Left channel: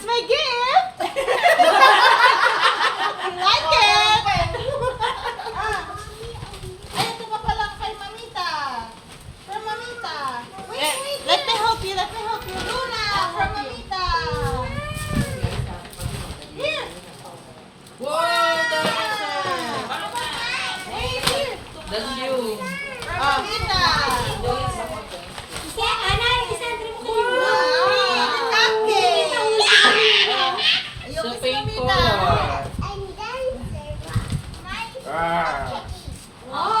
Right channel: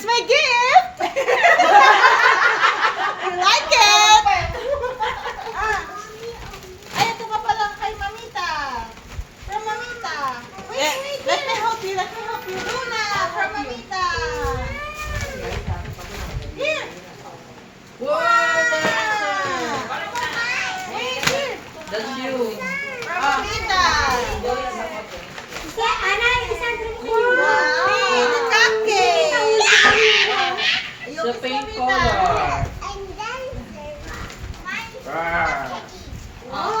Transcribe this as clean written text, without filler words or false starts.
That's my gift! You like it? Ay, ito pa pala kay Mamita. From Mamita. Wait, let me help you, Luna, from Mamita. Here. Wow! Hey, here. That's you. From Mamita. Wow, the cupcake. The pink color. Wow.